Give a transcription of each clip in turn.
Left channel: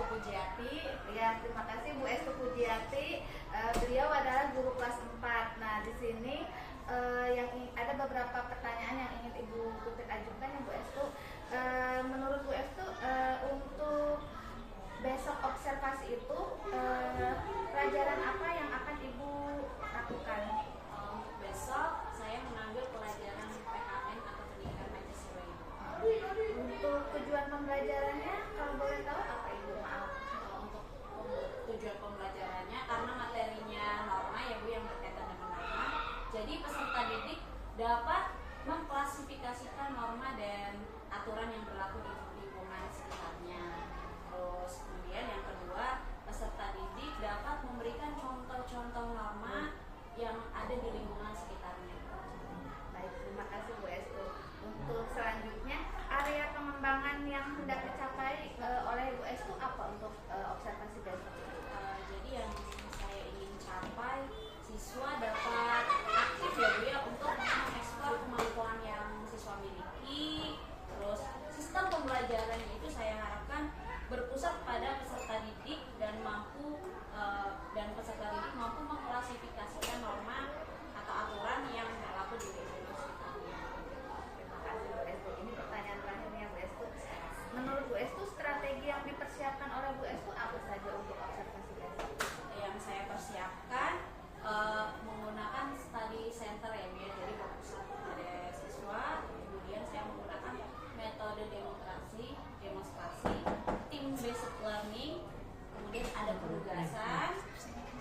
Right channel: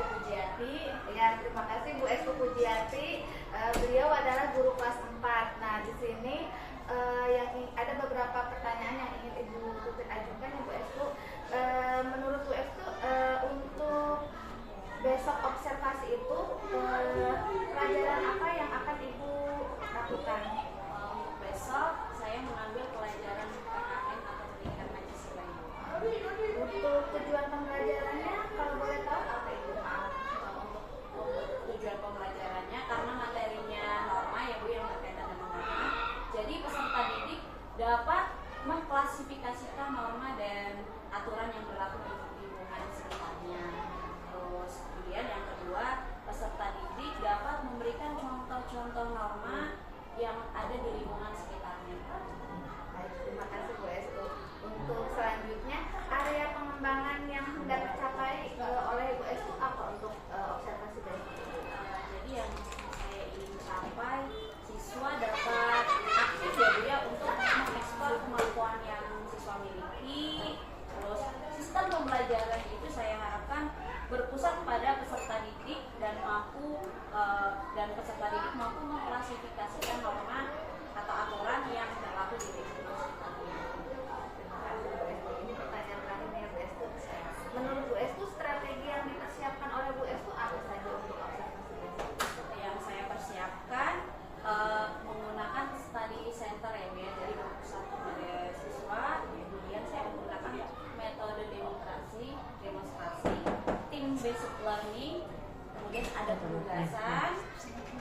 Estu Pujiati. Ya, terima kasih Bu Estu Pujiati. Beliau adalah guru kelas 4. Nah, di sini ada beberapa pertanyaan yang ingin Ibu Putri ajukan ya Bu Estu. Menurut Bu Estu, untuk besok observasi itu pelajaran apa yang akan Ibu lakukan? Untuk besok saya mengambil pelajaran PKN atau Pendidikan Pancasila. Untuk tujuan pembelajarannya kalau boleh tahu apa Ibu? Untuk tujuan pembelajarannya karena materinya norma ya Bu, yang berkaitan dengan norma. Jadi peserta didik dapat mengklasifikasikan norma dan aturan yang berlaku di lingkungan sekitarnya. Terus kemudian yang kedua, peserta didik dapat memberikan contoh-contoh norma yang ada di lingkungan sekitarnya. Baik, terima kasih Bu Estu. Untuk selanjutnya, area pengembangan yang hendak dicapai oleh Bu Estu apa untuk observasi besok? Jadi yang saya ingin capai, siswa dapat aktif ya Bu ya untuk mengeksplor kemampuan yang siswa miliki. Terus sistem pembelajaran itu saya harapkan berpusat pada peserta didik dan peserta didik mampu mengklasifikasikan norma atau aturan yang berlaku di lingkungan sekitarnya. Terima kasih Bu Estu. Ini pertanyaan terakhirnya Bu Estu. Menurut Bu Estu, strategi yang dipersiapkan oleh Bu Estu apa saja untuk observasi besok? Yang saya persiapkan menggunakan study center ya Bu ya, jadi berpusat pada siswa. Kemudian saya menggunakan metode demonstrasi, tim based learning, kemudian ada penugasan,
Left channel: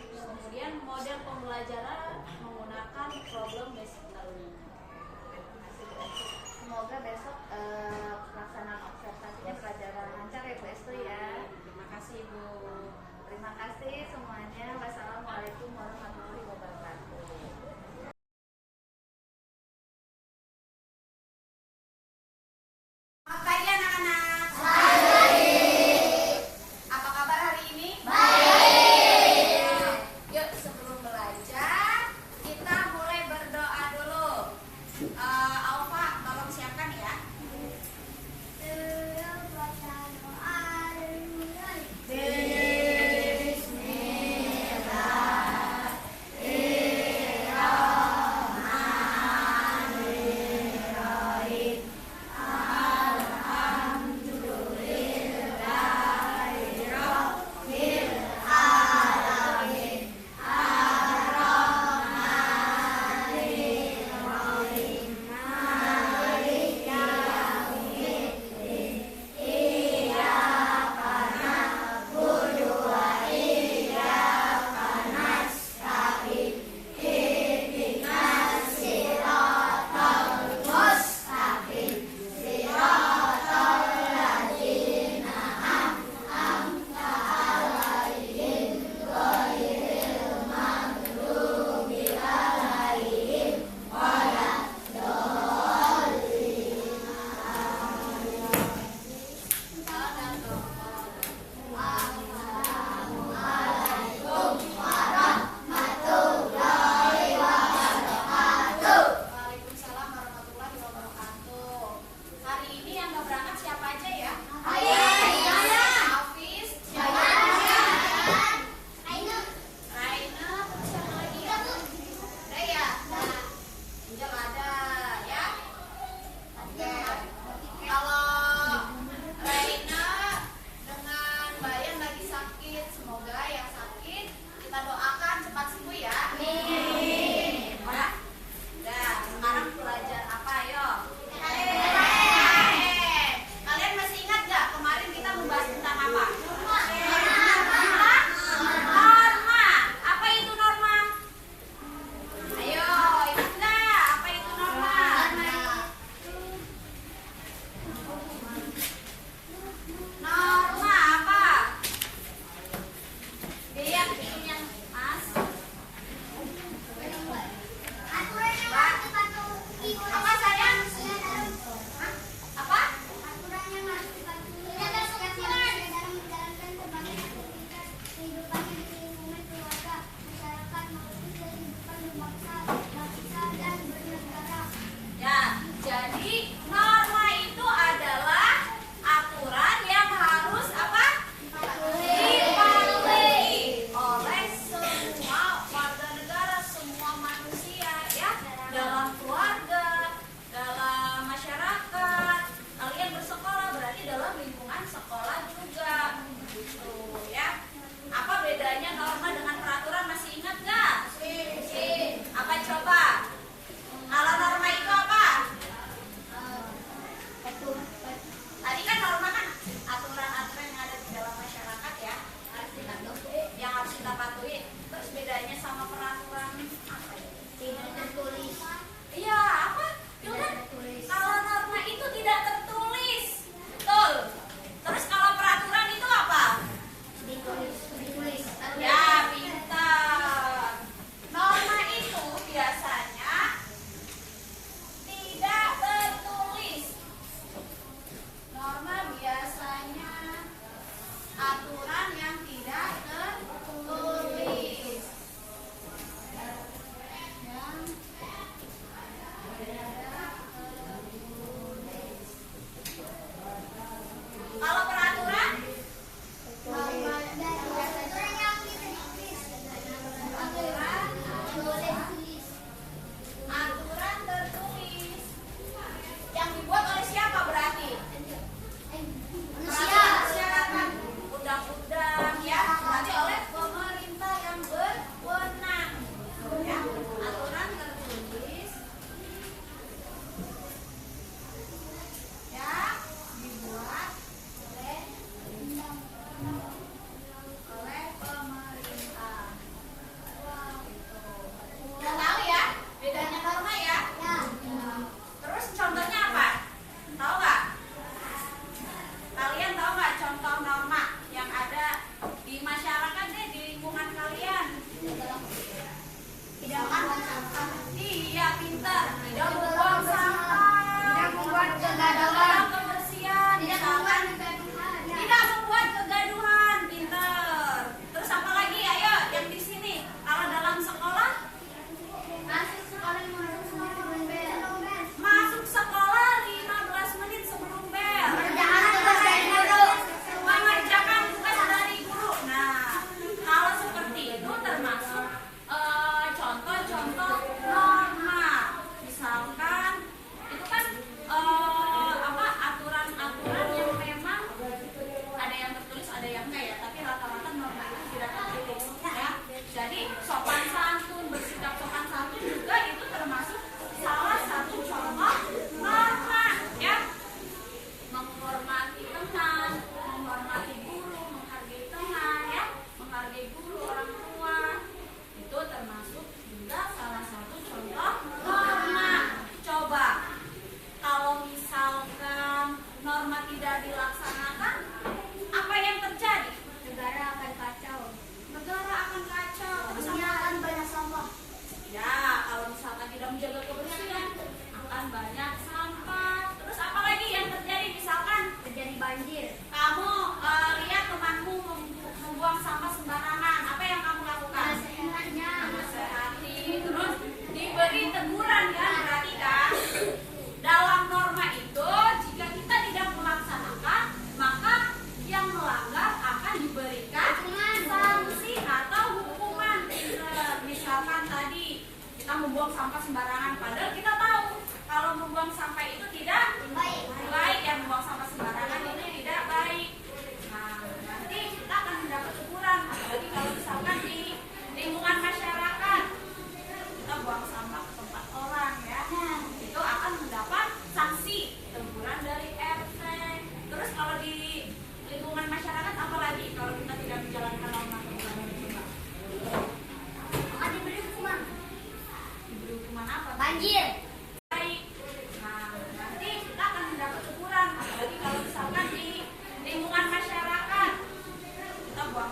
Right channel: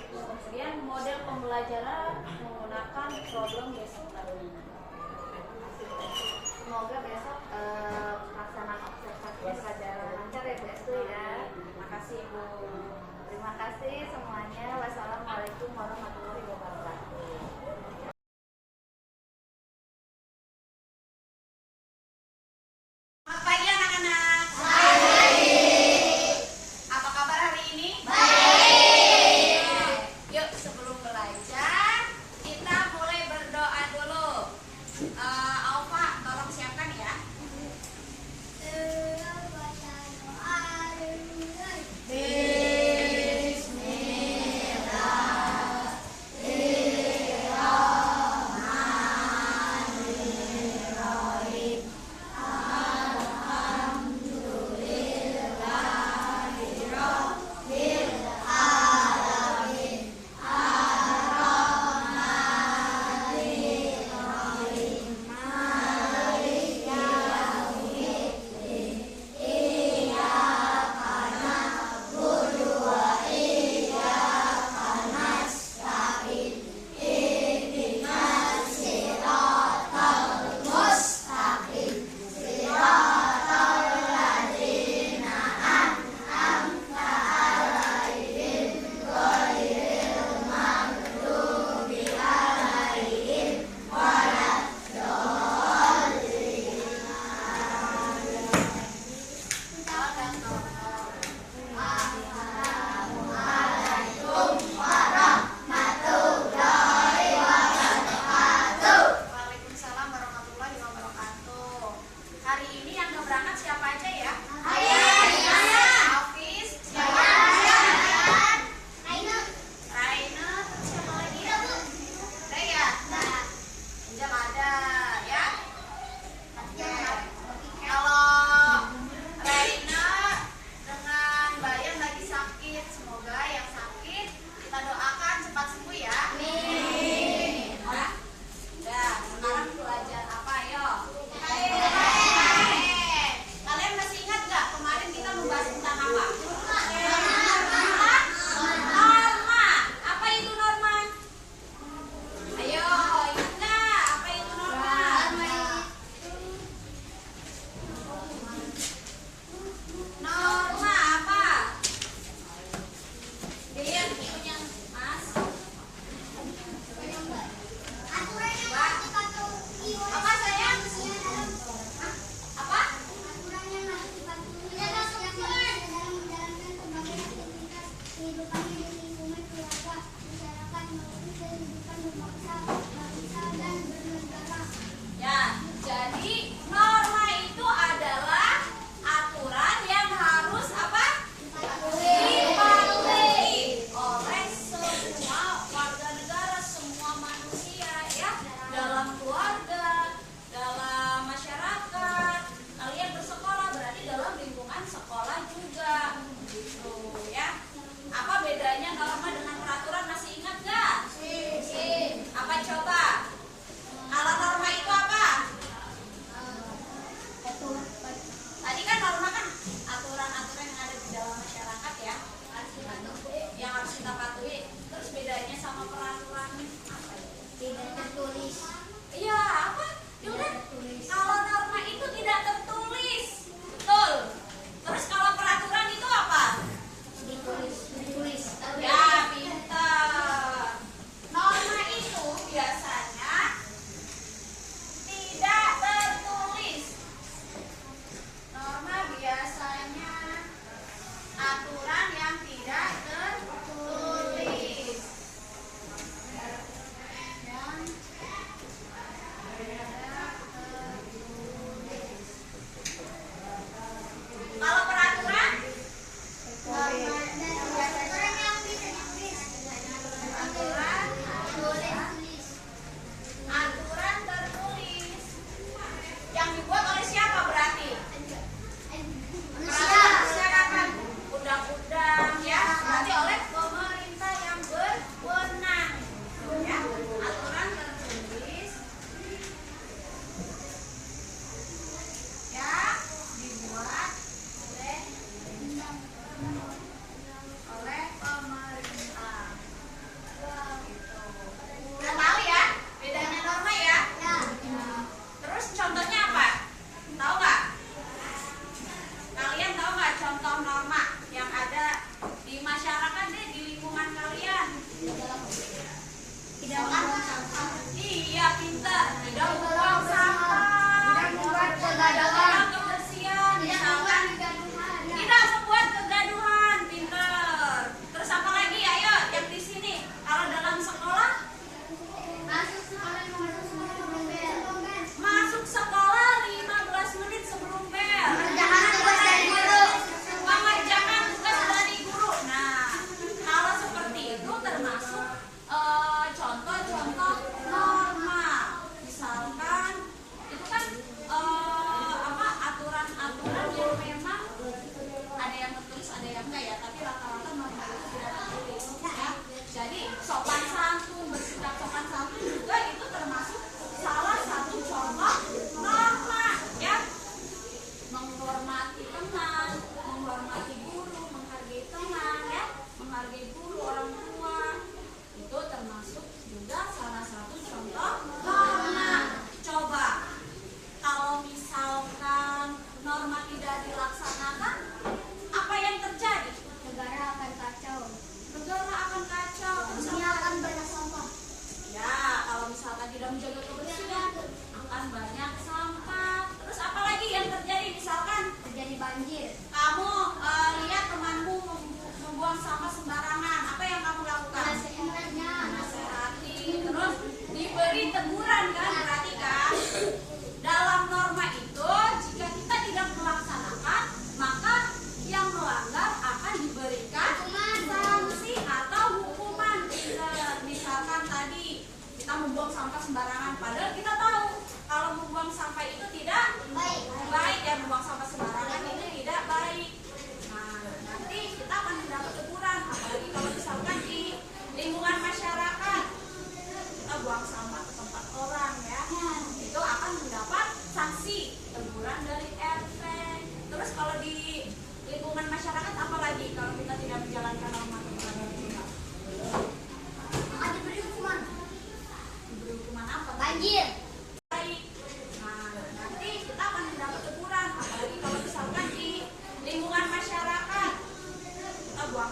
kemudian model pembelajaran menggunakan problem based learning. Semoga besok pelaksanaan observasinya pelajaran lancar ya Bu Estu ya. Terima kasih Bu. Terima kasih semuanya. Wassalamualaikum warahmatullahi wabarakatuh. Selamat pagi anak-anak. Apa kabar hari ini? Yuk sebelum belajar kita mulai berdoa dulu. Alfa tolong siapkan ya. Bismillah.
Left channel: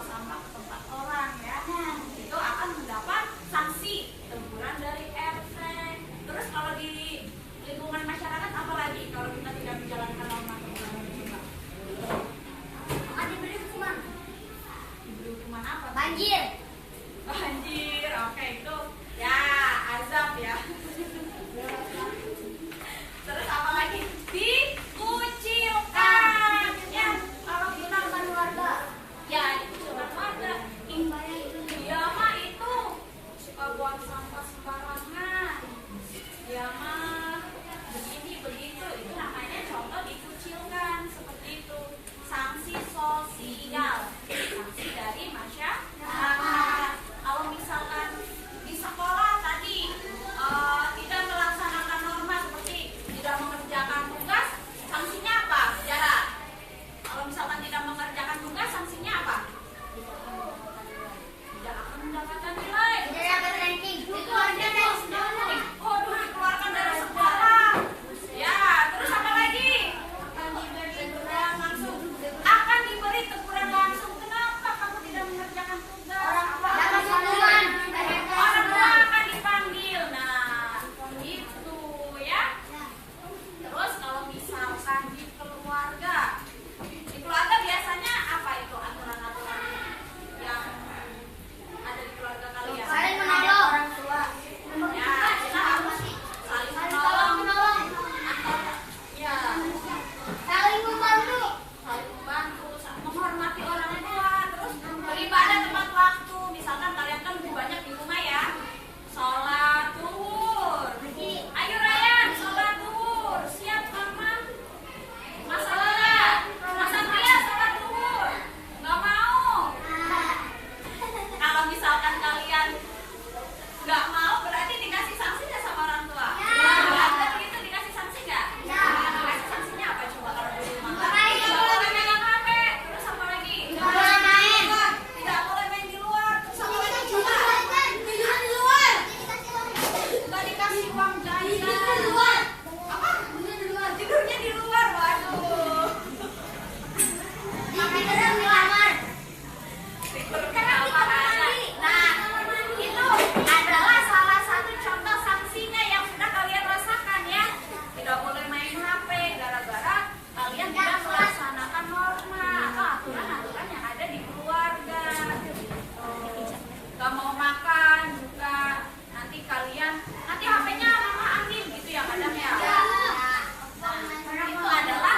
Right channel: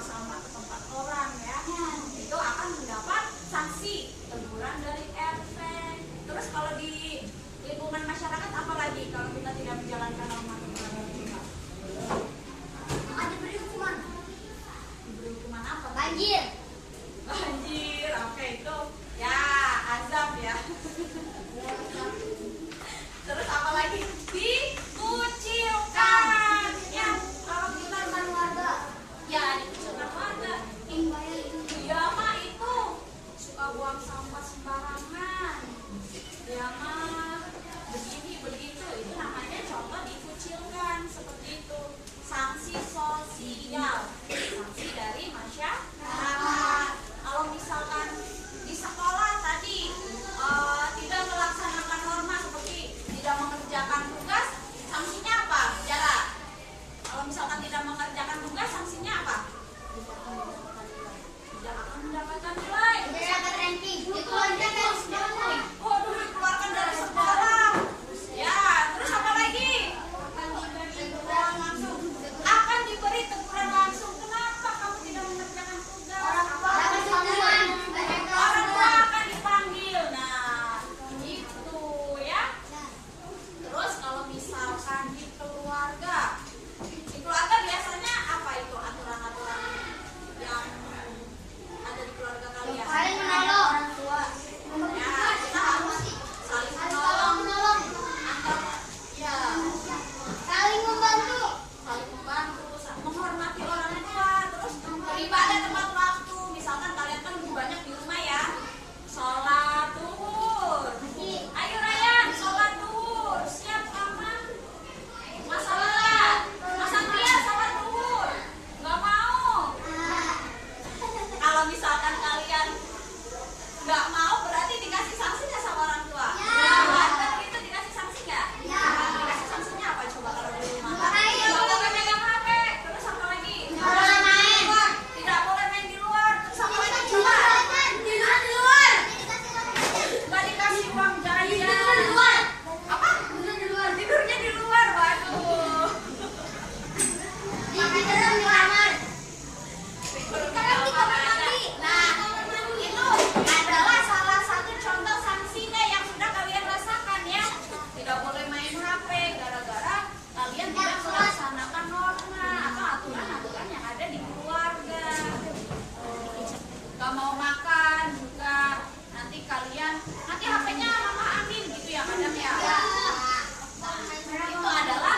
sampah ke tempat orang ya, itu akan mendapat sanksi teguran dari RT. Terus kalau di lingkungan masyarakat apalagi kalau kita tidak menjalankan norma kebersihan itu Kak? Diberi hukuman. Diberi hukuman apa? Banjir. Banjir, oke itu ya azab ya. Terus apa lagi? Dikucilkan ya, kalau kita dengan warga ya dikucilkan warga. Dia mah itu suka buang sampah sembarangan, dia mah begini begitu, itu namanya contoh dikucilkan seperti itu. Sanksi sosial, sanksi dari masyarakat. Kalau misalkan di sekolah tadi tidak melaksanakan norma seperti tidak mengerjakan tugas, sanksinya apa? Jarak. Kalau misalkan tidak mengerjakan tugas, sanksinya apa? Tidak akan mendapatkan nilai. Itu aja Waduh, dikeluarkan dari sekolah. Ya, terus apa lagi? Akan diberi teguran langsung. Kenapa kamu tidak mengerjakan tugas? Orang tua akan dipanggil. Nah, itu ya. Terus kalau misalkan di keluarga biasanya apa itu aturan-aturan yang ada di keluarga kalian? Saling menolong. Ya, kita harus saling menolong. Ya, Saling membantu. saling membantu, menghormati orang tua, terus beribadah tepat waktu. Misalkan kalian kan lebih banyak di rumah ya, sholat duhur. Ayo Ryan, sholat duhur. Siap mama? Masalahnya, Mas Satria sholat duhur. Nggak mau. Kalau misalkan kalian nggak mau, berarti dikasih sanksi nggak sama orang tua? Kan gitu dikasih sanksi nggak? Dikasih sanksinya apa coba kalau di rumah? Nggak boleh megang HP. Terus apa lagi? Tidak boleh main di luar. Terus apa lagi coba? Nggak dikasih uang jajan. Apa? Tidurnya di luar. Waduh. Tidur di kamar aja. Nah, itu adalah salah satu contoh sanksinya yang sudah kalian rasakan ya. Tidak boleh main HP gara-gara kalian tidak melaksanakan norma atau aturan-aturan yang ada di keluarga. Gak mau makan juga, nanti HP-nya mama ambil gitu ya kadang ya. Itu adalah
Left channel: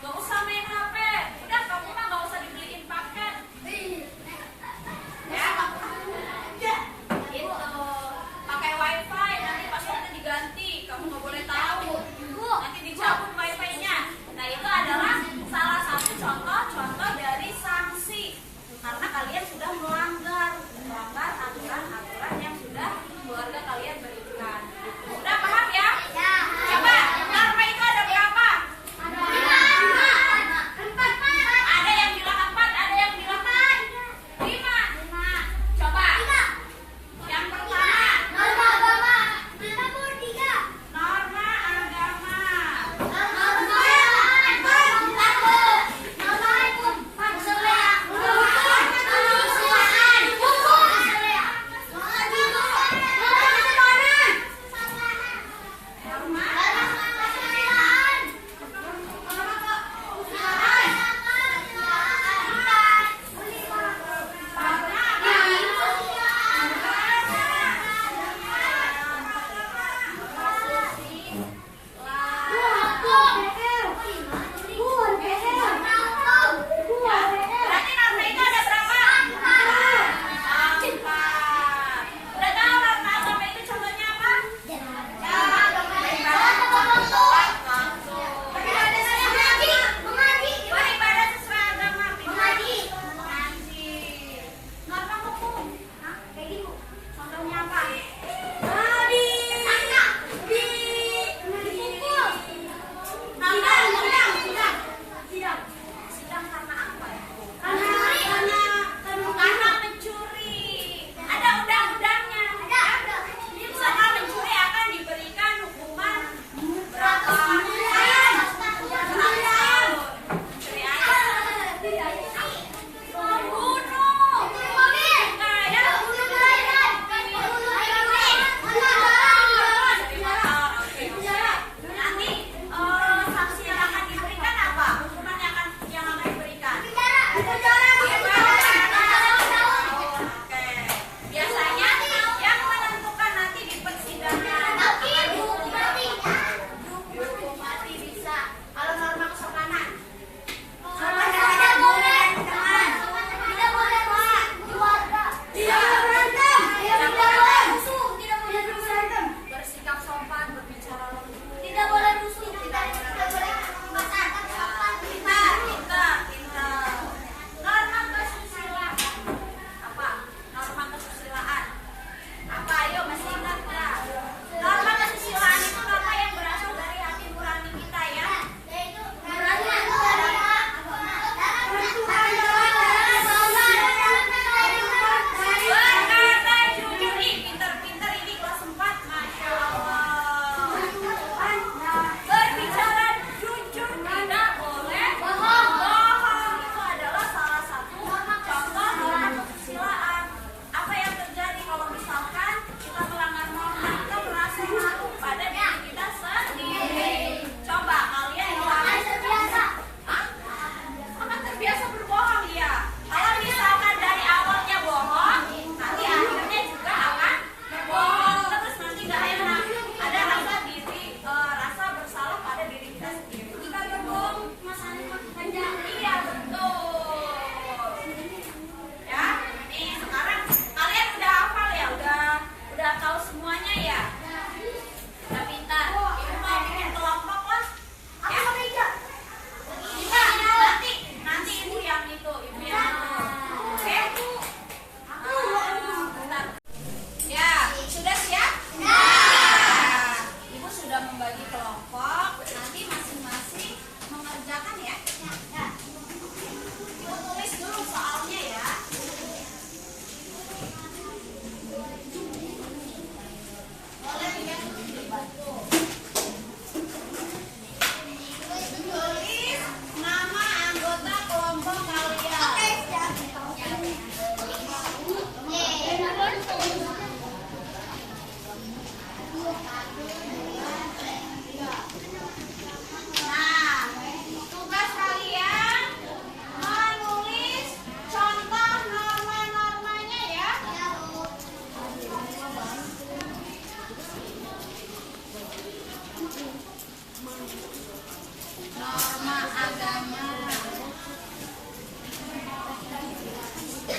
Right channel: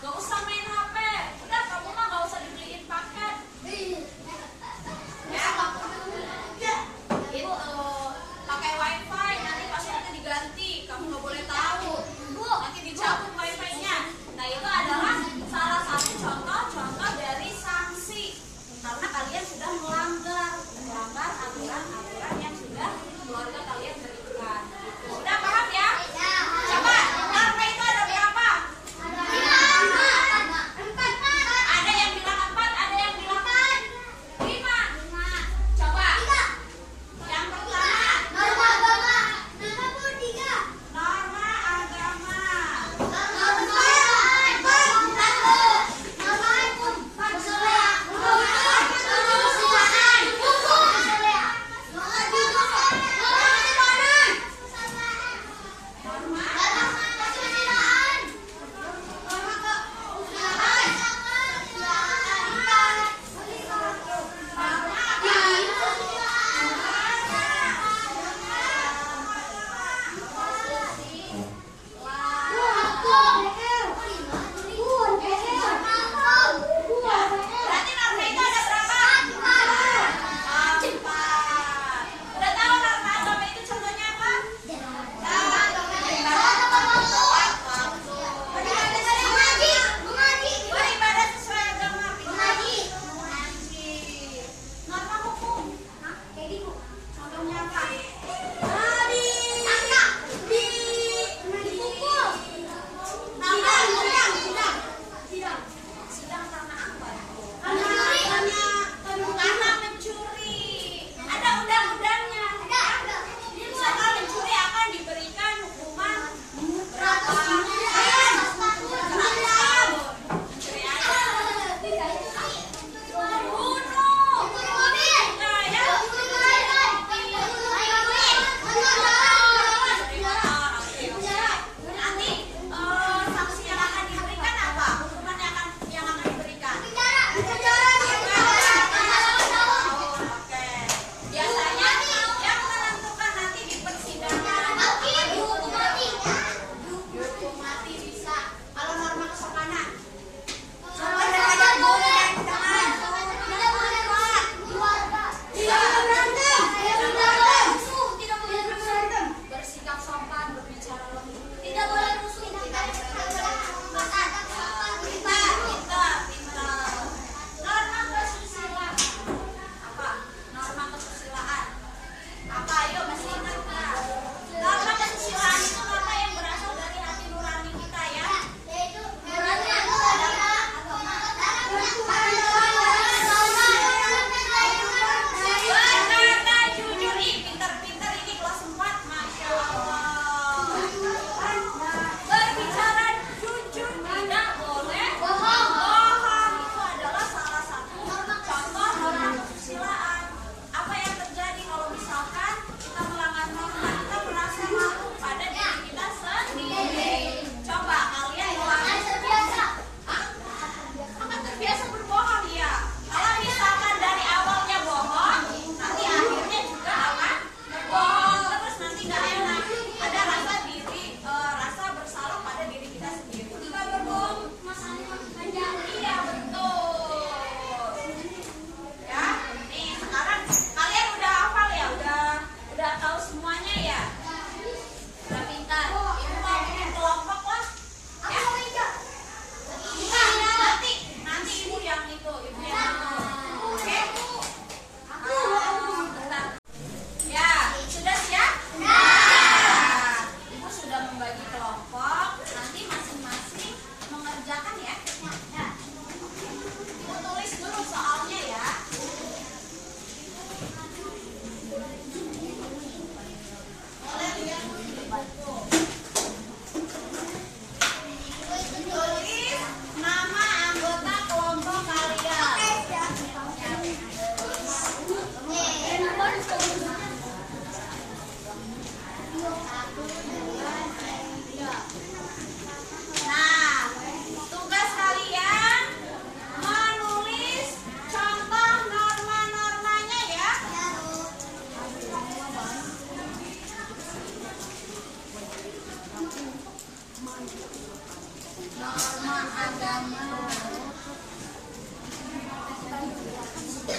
gak usah main HP. Udah kamu mah gak usah dibeliin paket. Ya, itu pakai wifi nanti passwordnya diganti, kamu nggak boleh tahu, nanti dicabut wifi-nya. Nah itu adalah salah satu contoh dari sanksi karena kalian sudah melanggar aturan-aturan yang sudah keluarga kalian berikan. Sudah paham ya? Coba norma itu ada berapa? Ada yang bilang 4, ada yang bilang 5. Coba. Yang pertama, norma agama.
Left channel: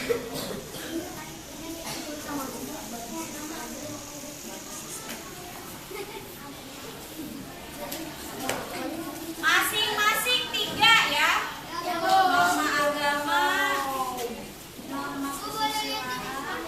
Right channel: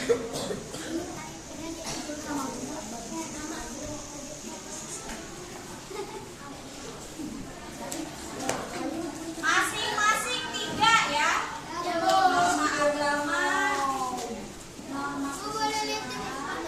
Masing-masing 3 ya. Norma agama, norma kesusilaan,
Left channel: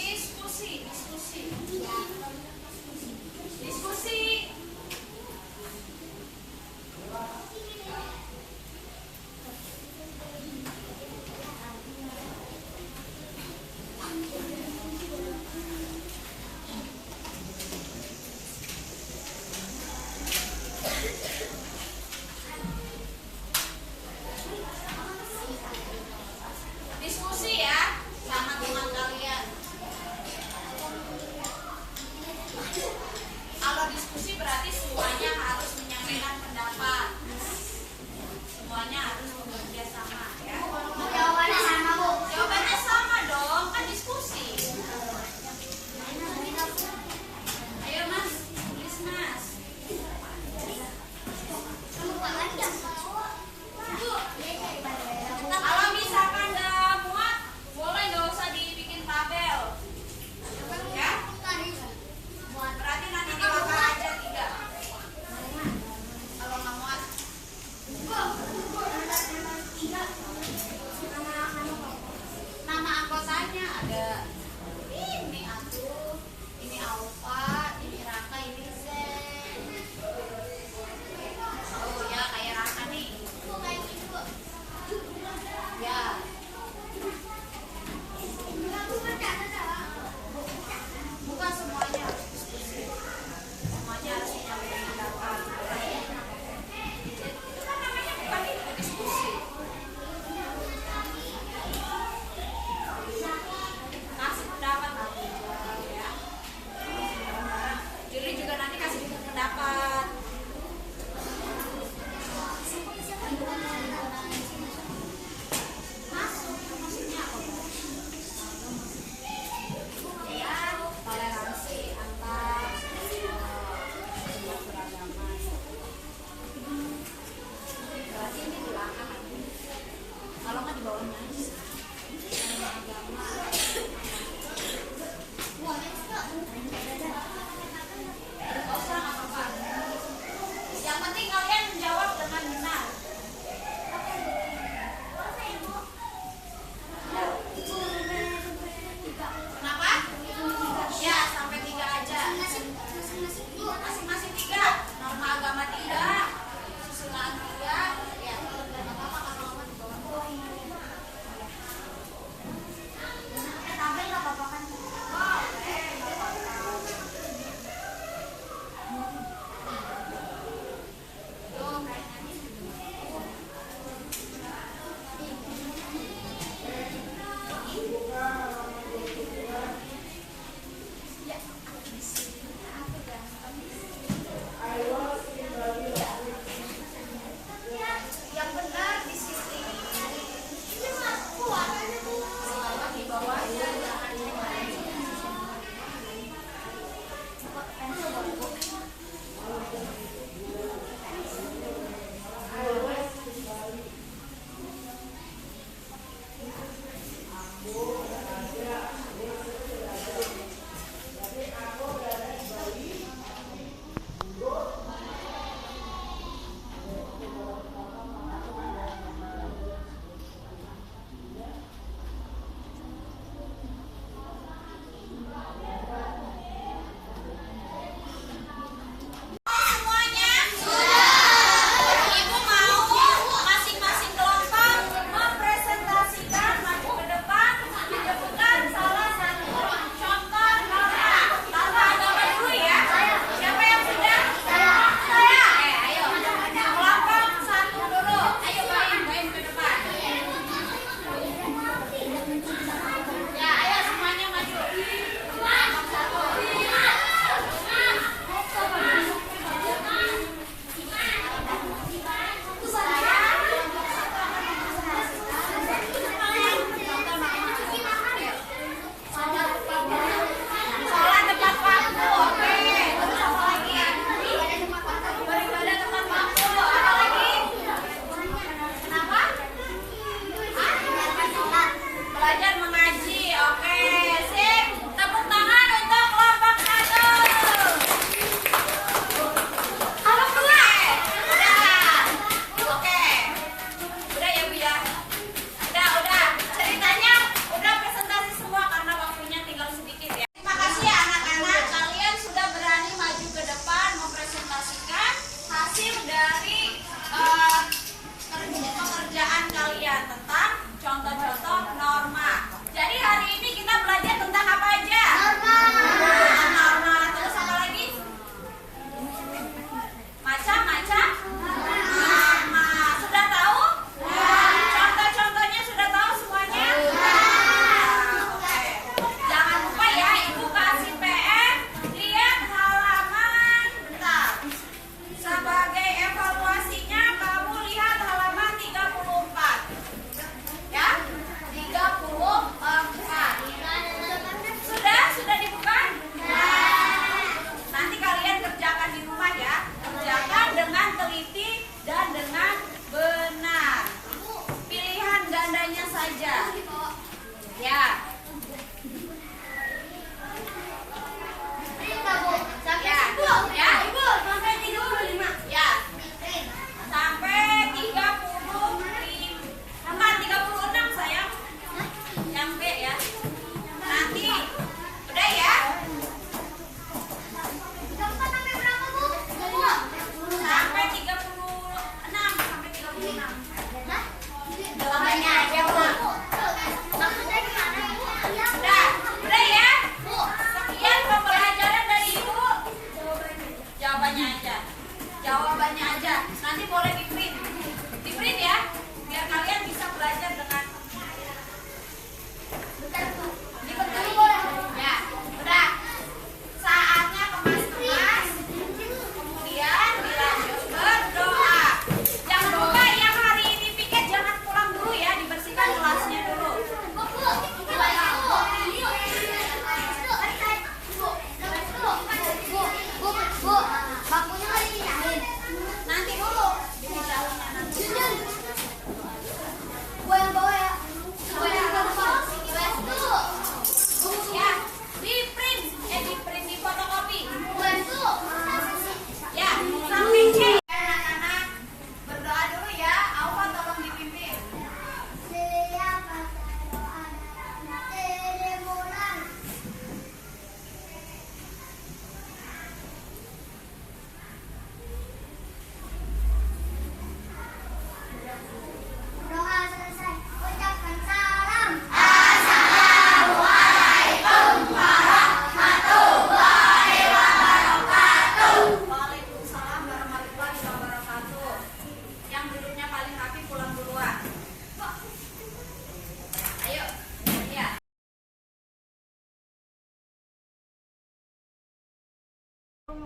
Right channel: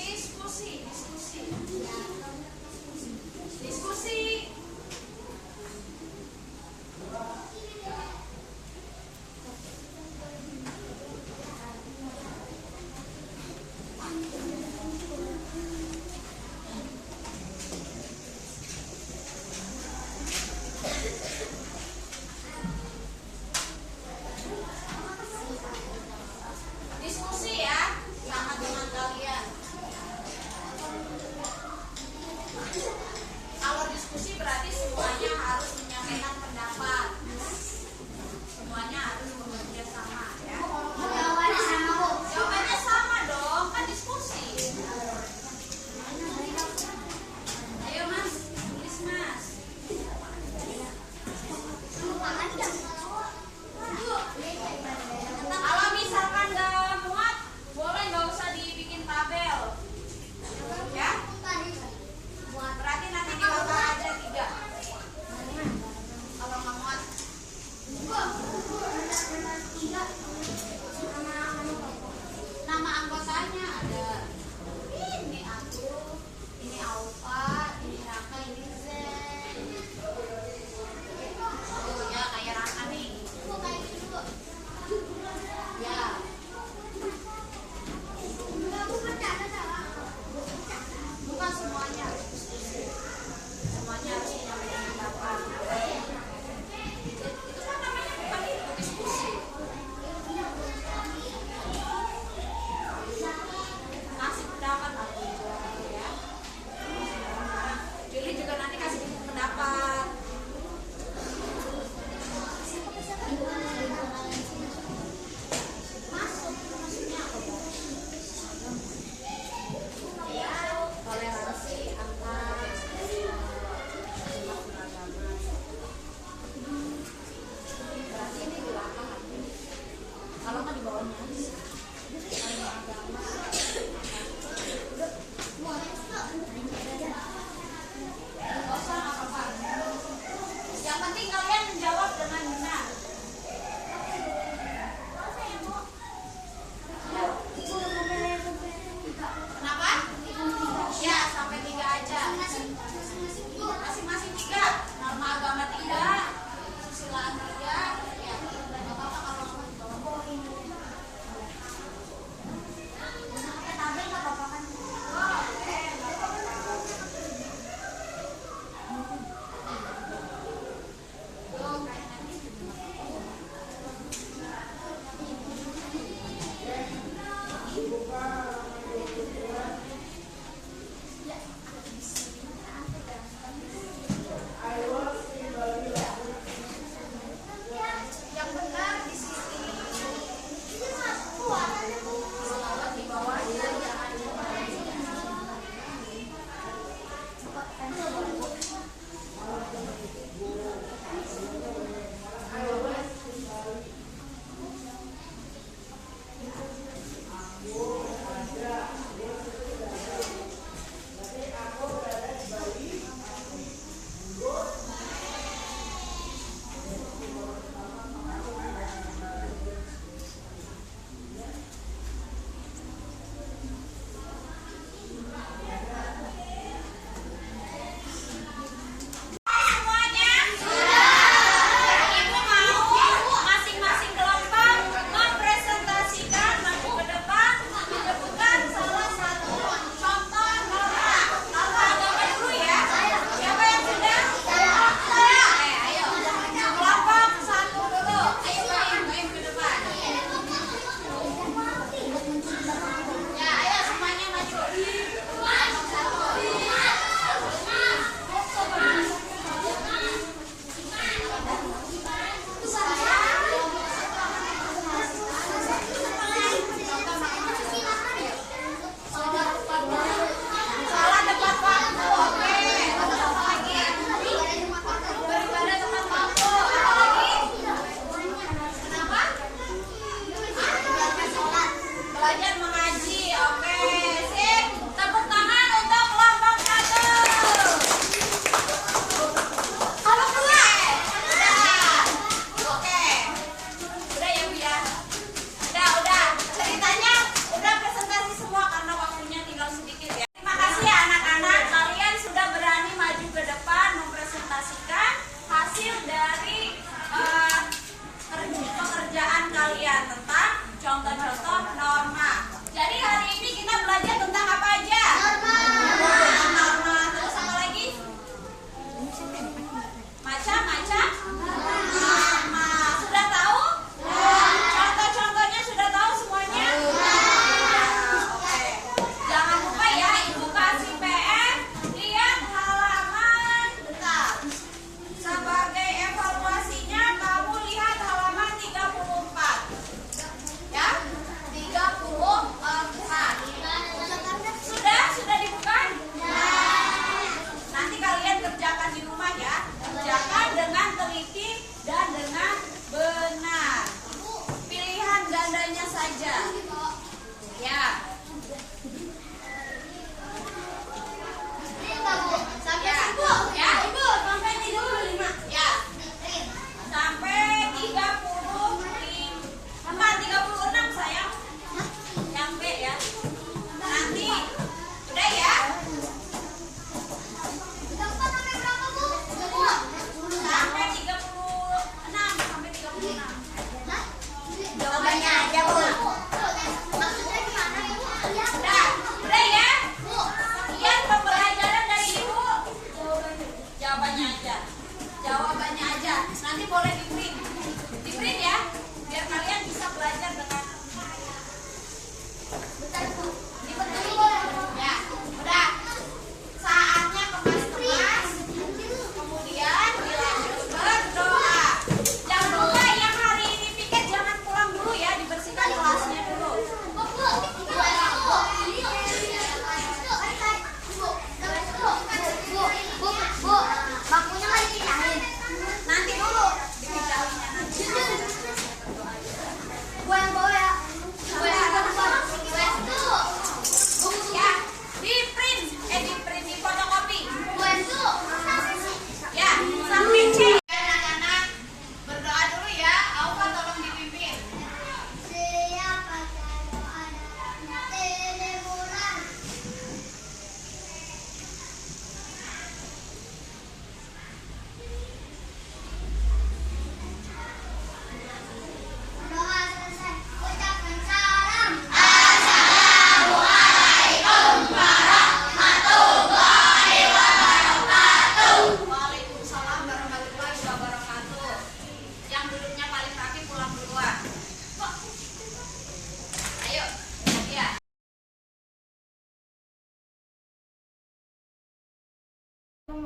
diskusi, diskusi. Diskusi. Diskusi ya sama teman kalian. Kalau diskusi berarti semuanya harus menyampaikan pendapat. Semuanya harus bekerja sama ya. Jawabannya sama, Bu. Jawabannya sama dong, kan diskusi. Ayo Mas, tulis Mas. Kalau misalkan nggak muat, boleh nggak usah dibikin tabel, ya. Berarti nanti dilapar aja 3. Kalau nggak muat.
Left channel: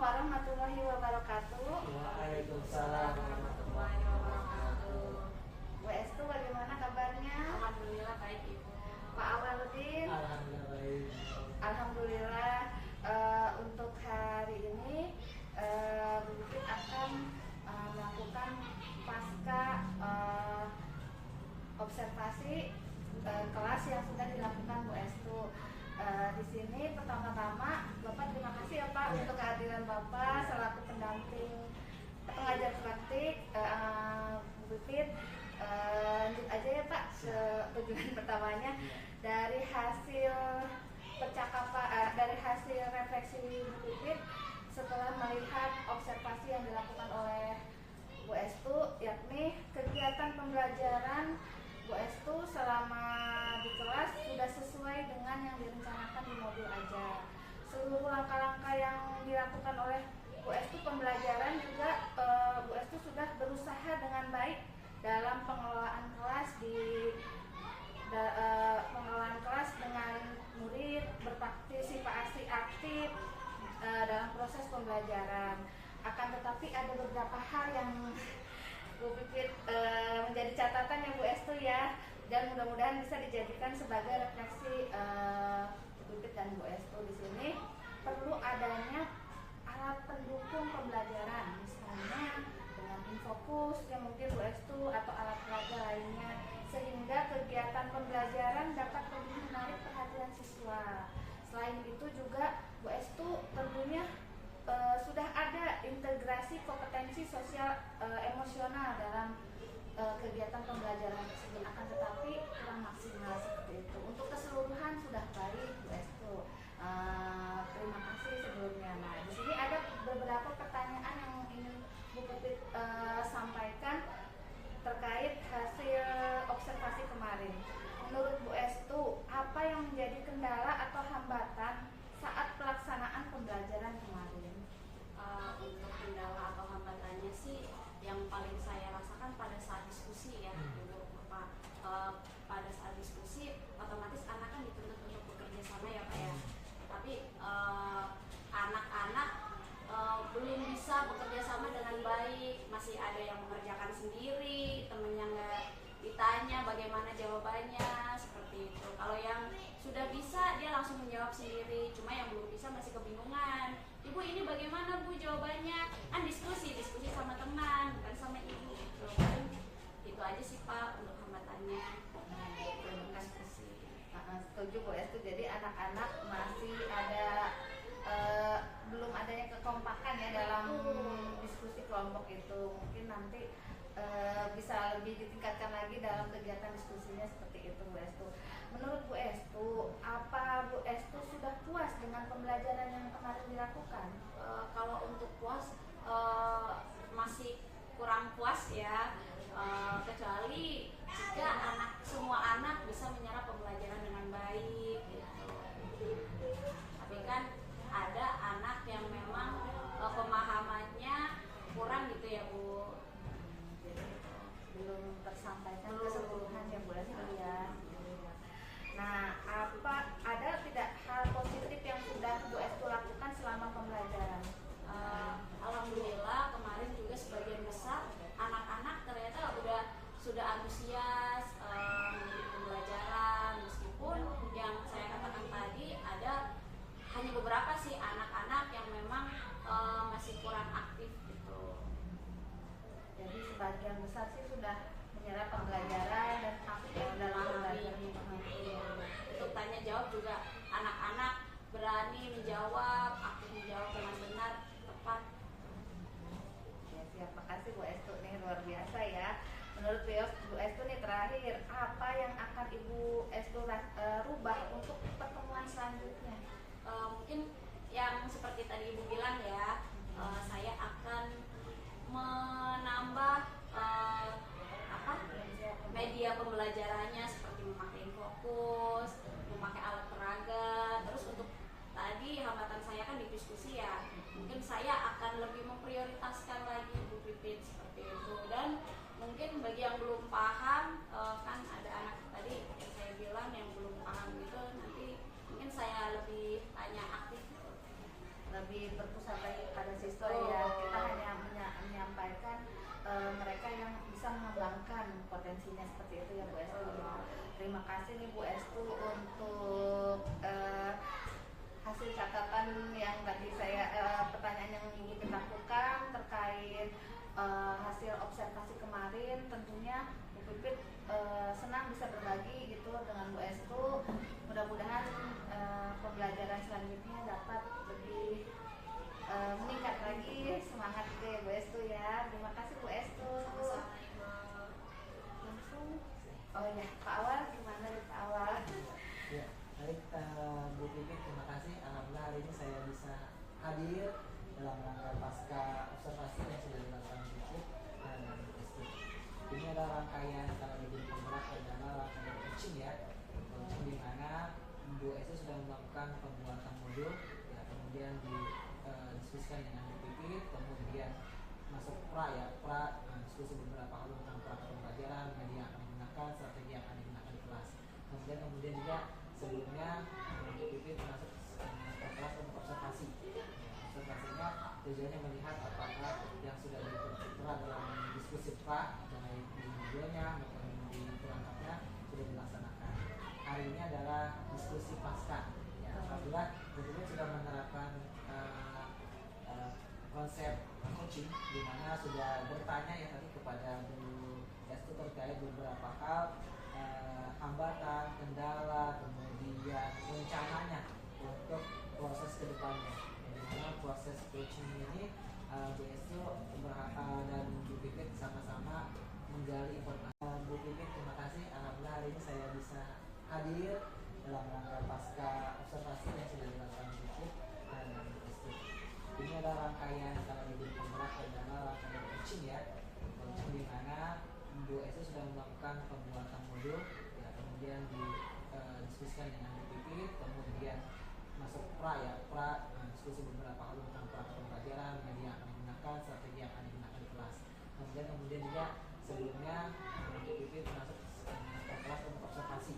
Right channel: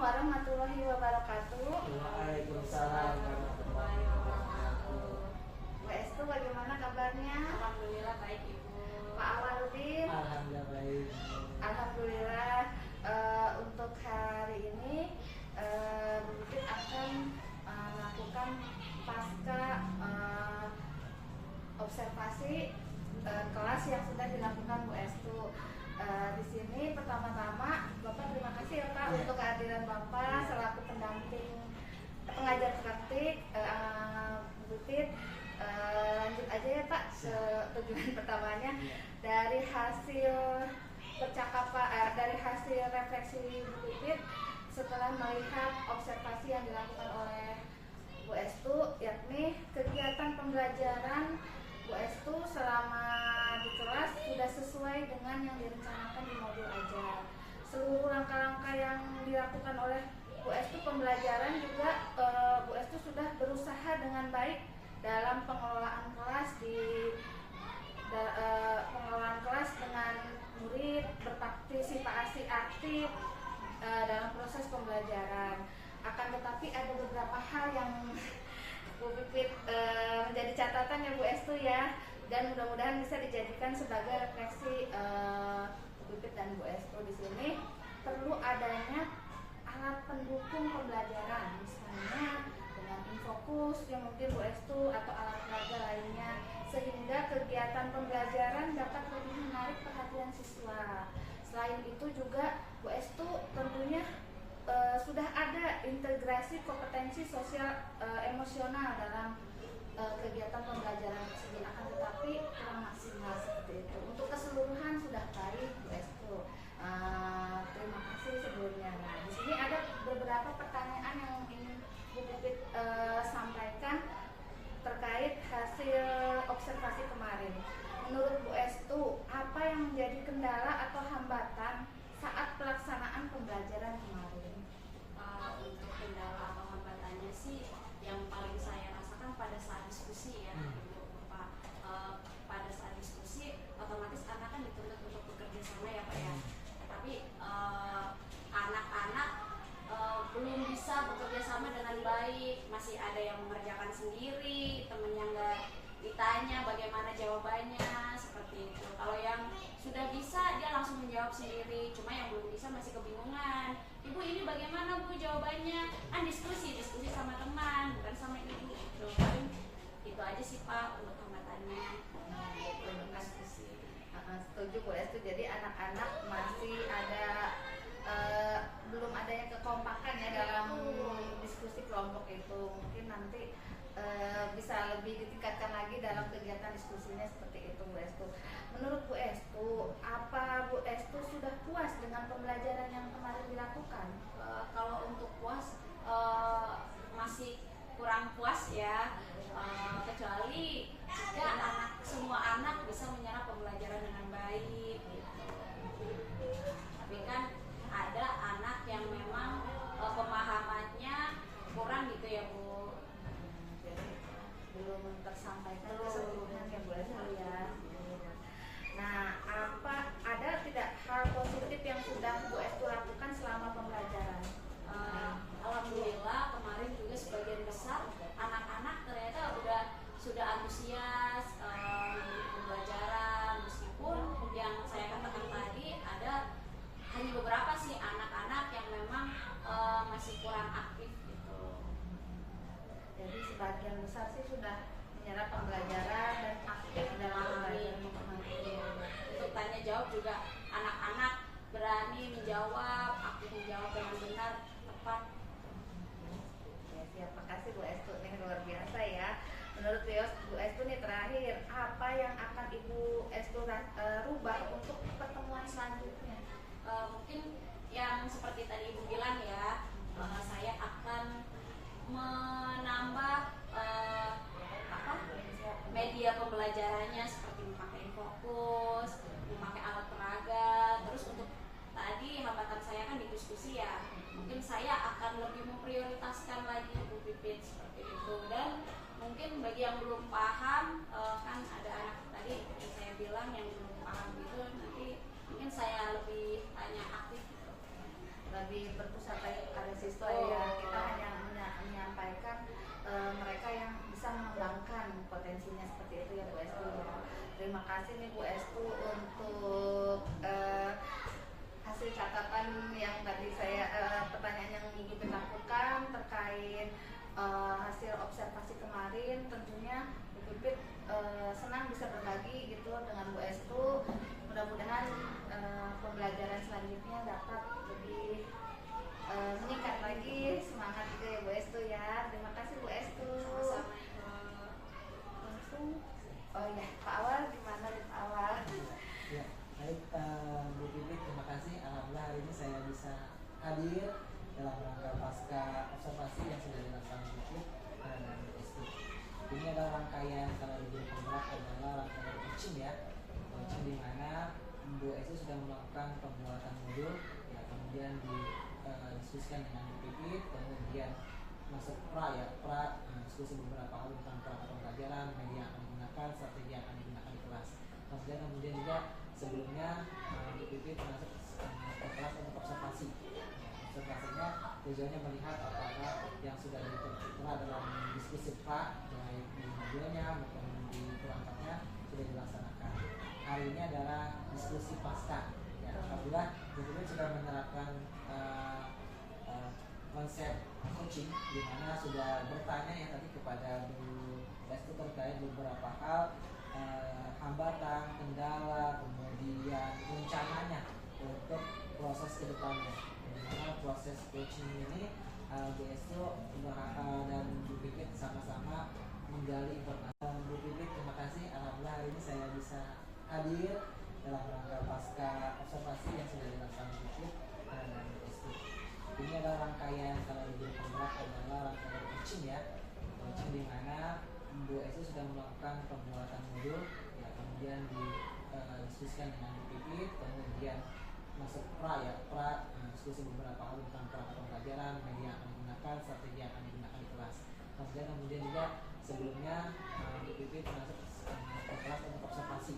warahmatullahi wabarakatuh. Waalaikumsalam warahmatullahi wabarakatuh. Bu Estu, bagaimana kabarnya? Alhamdulillah baik Ibu. Pak Awaludin? Alhamdulillah baik. Alhamdulillah. Untuk hari ini Bu Pipit akan melakukan pasca observasi kelas yang sudah dilakukan Bu Estu. Di sini pertama-tama Bapak terima kasih ya Pak untuk kehadiran Bapak selaku pendamping pengajar praktik Bu Pipit. Lanjut aja ya Pak ke tujuan pertamanya. Dari hasil percakapan dari hasil refleksi Bu Pipit setelah melihat observasi yang dilakukan oleh Bu Estu, yakni kegiatan pembelajaran Bu Estu selama di kelas sudah sesuai dengan yang direncanakan di modul ajar. Seluruh langkah-langkah yang dilakukan oleh Bu Estu pembelajaran juga Bu Estu sudah berusaha dengan baik dalam pengelolaan kelas pengelolaan kelas dengan murid berpartisipasi aktif dalam proses pembelajaran. Akan tetapi ada beberapa hal yang Bu Pipit menjadi catatan ya Bu Estu ya, dan mudah-mudahan bisa dijadikan sebagai refleksi Bu Pipit dan Bu Estu. Di sini perlu adanya alat pendukung pembelajaran, misalnya dengan infokus yang mungkin Bu Estu atau alat peraga lainnya, sehingga kegiatan pembelajaran dapat lebih menarik perhatian siswa. Selain itu juga Bu Estu tentunya sudah ada integrasi kompetensi sosial emosional dalam kegiatan pembelajaran tersebut, akan tetapi kurang maksimal seperti itu. Untuk keseluruhan sudah baik Bu Estu. Terima kasih sebelumnya. Nah, di sini ada beberapa pertanyaan yang ingin Bu Pipit sampaikan terkait hasil observasi kemarin. Menurut Bu Estu, apa yang menjadi kendala atau hambatan saat pelaksanaan pembelajaran kemarin? Untuk kendala atau hambatannya sih yang paling saya rasakan pada saat diskusi ya Ibu Bapak. Pada saat diskusi otomatis anak kan dituntut untuk bekerja sama ya Pak ya, tapi anak-anak belum bisa bekerja sama dengan baik, masih ada yang mengerjakan sendiri, temennya nggak ditanya bagaimana jawabannya, seperti itu. Kalau yang sudah bisa dia langsung menjawab sendiri, cuma yang belum bisa masih kebingungan. Ibu ini bagaimana Bu jawabannya? Kan diskusi sama teman, bukan sama ibu. Paling itu aja sih Pak untuk hambatannya. Diskusi. Setuju Bu Estu. Jadi anak-anak masih ada belum adanya kekompakan ya dalam diskusi kelompok itu. Mungkin nanti bisa lebih ditingkatkan lagi dalam kegiatan diskusinya seperti itu Bu Estu. Menurut Bu Estu, apa Bu Estu sudah puas dengan pembelajaran yang kemarin dilakukan? Kalau untuk puas masih kurang puas ya, kecuali jika semua anak bisa menyerap pembelajaran dengan baik gitu. Tapi kan ada anak yang memang pemahamannya kurang gitu ya Bu. Jadi belum tersampaikan keseluruhan ya Bu Estu ya. Nah, ada tidak hal positif yang sudah Bu Estu lakukan selama pembelajaran? Alhamdulillah kemarin juga sebagian besar anak-anak ternyata sudah antusias mengikuti pembelajaran, meskipun yang saya katakan tadi ada hanya beberapa sih anak-anak yang memang masih kurang aktif gitu. Jadi sebagian besar sih sudah menyerap pembelajaran dan aktif dalam pembelajaran memahami. Untuk tanya jawab juga anak-anak berani menjawab, aktif menjawab dengan benar, tepat. Ya, siap. Makasih Bu Estu nih, luar biasa ya. Menurut Bu Estu nih terakhir, apa yang akan Ibu Estu rubah untuk pertemuan selanjutnya? Mungkin yang seperti tadi Ibu bilang ya, saya akan menambah media pembelajarannya seperti memakai fokus, memakai alat peraga. Terus untuk tadi hambatan saya kan di diskusi ya, mungkin saya akan lebih memprioritaskan lagi Bu Pipit seperti itu. Dan mungkin bagi yang belum paham, kan ada anak tadi yang saya bilang yang belum paham itu, nanti mungkin saya lebih tanya aktif gitu. lebih berpusat pada siswa ya. Kita hanya menyampaikan mereka yang bisa mengembangkan potensinya seperti itu ya Bu Estu ya. Terima kasih nih Bu Estu untuk hasil catatan yang tadi saya pertanyaan yang Ibu Pipit lakukan terkait hasil observasi kemarin. Tentunya Ibu Pipit senang bisa berbagi gitu dengan Bu Estu. Mudah-mudahan pembelajaran selanjutnya dapat lebih meningkat lagi semangat gitu ya Bu Estu ya. Terima kasih Bu Estu. Langsung oh ya Pak Awal, gimana nih Pak Awal? Ya, baik Bu Pipit, terima kasih. Alhamdulillah hari ini saya bisa hadir dalam rangka pasca observasi yang sudah dilakukan Bu Pipit dan Bu Estu. Ini adalah rangkaian, kalau di guru penggerak adalah rangkaian coaching ya, coaching di mana Bu Estu sudah melakukan pembuatan modul, ya, kemudian diskusikan dengan Bu Pipit, kemudian masuk diskusi beberapa hal tentang perangkat pembelajaran, media yang akan digunakan, strategi yang akan digunakan di kelas. Kemudian juga sebelumnya Bu Pipit masuk ke kelas untuk observasi. Observasinya tujuannya melihat apakah yang sudah ditertera dalam diskusi pra, baik di modulnya maupun di perangkatnya sudah dilaksanakan. Hari ini adalah diskusi pasca. Ya, alhamdulillah Bu Pipit sudah menerapkan konsep coaching di mana sudah bertanya ya tadi kepada Bu Estu terkait beberapa hal, hambatan, kendala, kemudian rencananya untuk proses kedepannya. Di mana proses coaching ini Bu Estu dan Bu Pipit sama-sama menggali informasi. Bu Pipit, terima kasih. Alhamdulillah hari ini saya bisa hadir dalam rangka pasca observasi yang sudah dilakukan Bu Pipit dan Bu Estu. Ini adalah rangkaian, kalau di guru penggerak adalah rangkaian coaching ya, coaching di mana Bu Estu sudah melakukan pembuatan modul, ya, kemudian diskusikan dengan Bu Pipit, kemudian masuk diskusi beberapa hal tentang perangkat pembelajaran, media yang akan digunakan, strategi yang akan digunakan di kelas. Kemudian juga sebelumnya Bu Pipit masuk ke kelas untuk observasi.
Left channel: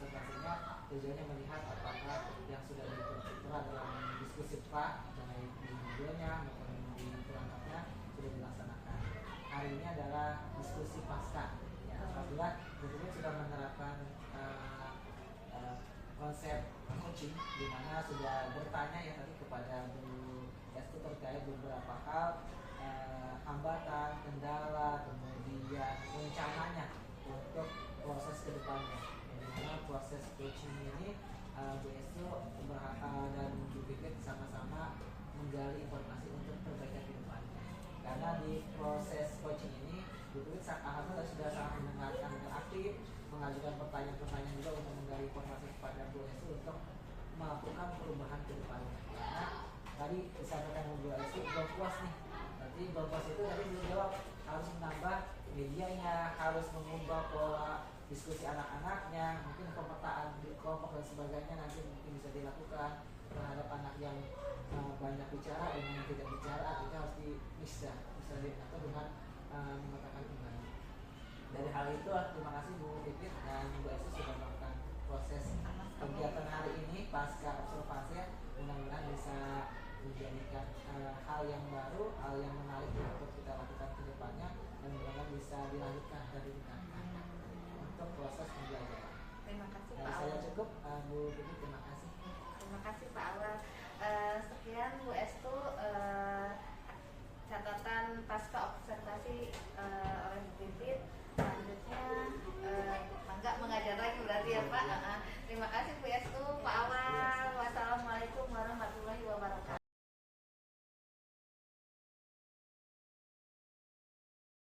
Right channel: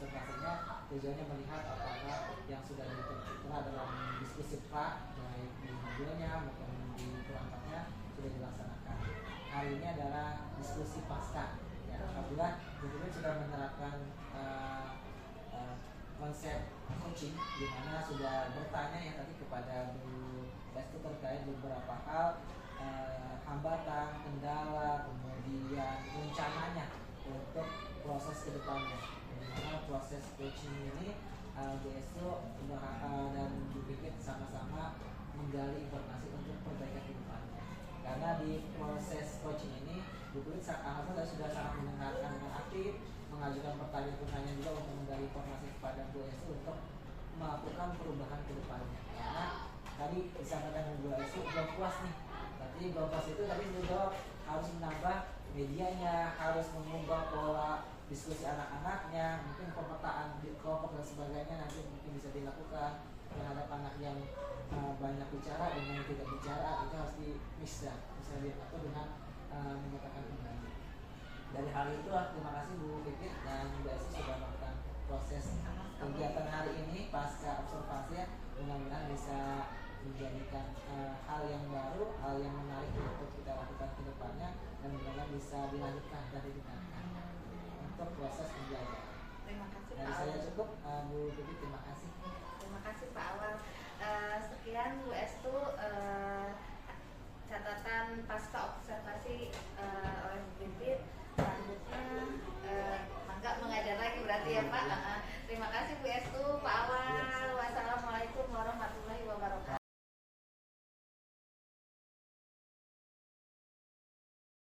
Observasinya tujuannya melihat apakah yang sudah ditertera dalam diskusi pra, baik di modulnya maupun di perangkatnya sudah dilaksanakan. Hari ini adalah diskusi pasca. Ya, alhamdulillah Bu Pipit sudah menerapkan konsep coaching di mana sudah bertanya ya tadi kepada Bu Estu terkait beberapa hal, hambatan, kendala, kemudian rencananya untuk proses kedepannya. Di mana proses coaching ini Bu Estu dan Bu Pipit sama-sama menggali informasi untuk perbaikan kedepannya. Karena di proses coaching ini Bu Pipit alhamdulillah sudah sangat mendengarkan dengan aktif, mengajukan pertanyaan-pertanyaan juga untuk menggali informasi kepada Bu Estu untuk melakukan perubahan ke depannya. Karena tadi disampaikan oleh Bu Estu belum puas nih. Berarti belum puas itu tadi beliau jawab harus menambah medianya, harus mengubah pola diskusi anak-anaknya, mungkin pemetaan di kelompok dan sebagainya nanti mungkin bisa dilakukan terhadap anak yang banyak bicara dengan tidak bicara, itu harus bisa diatur dengan memetakan kembali. Dari hal itu, terima kasih Bu Pipit dan Bu Estu sudah melakukan proses kegiatan hari ini pasca observasi ya. Mudah-mudahan bisa menjadikan hal yang baru, hal yang menarik untuk kita lakukan ke depannya, dan mudah-mudahan bisa dilanjutkan dan ditingkatkan untuk proses pembelajaran. Terima kasih Dari Pak saya Awal. cukup, Bu Pipit, terima kasih. Terima kasih Pak Awal. Sekian Bu Estu catatan pasca observasi oleh Bu Pipit. Selanjutnya Mangga mengajar lagi berarti ya Pak. Terima kasih Bu Estu, Pak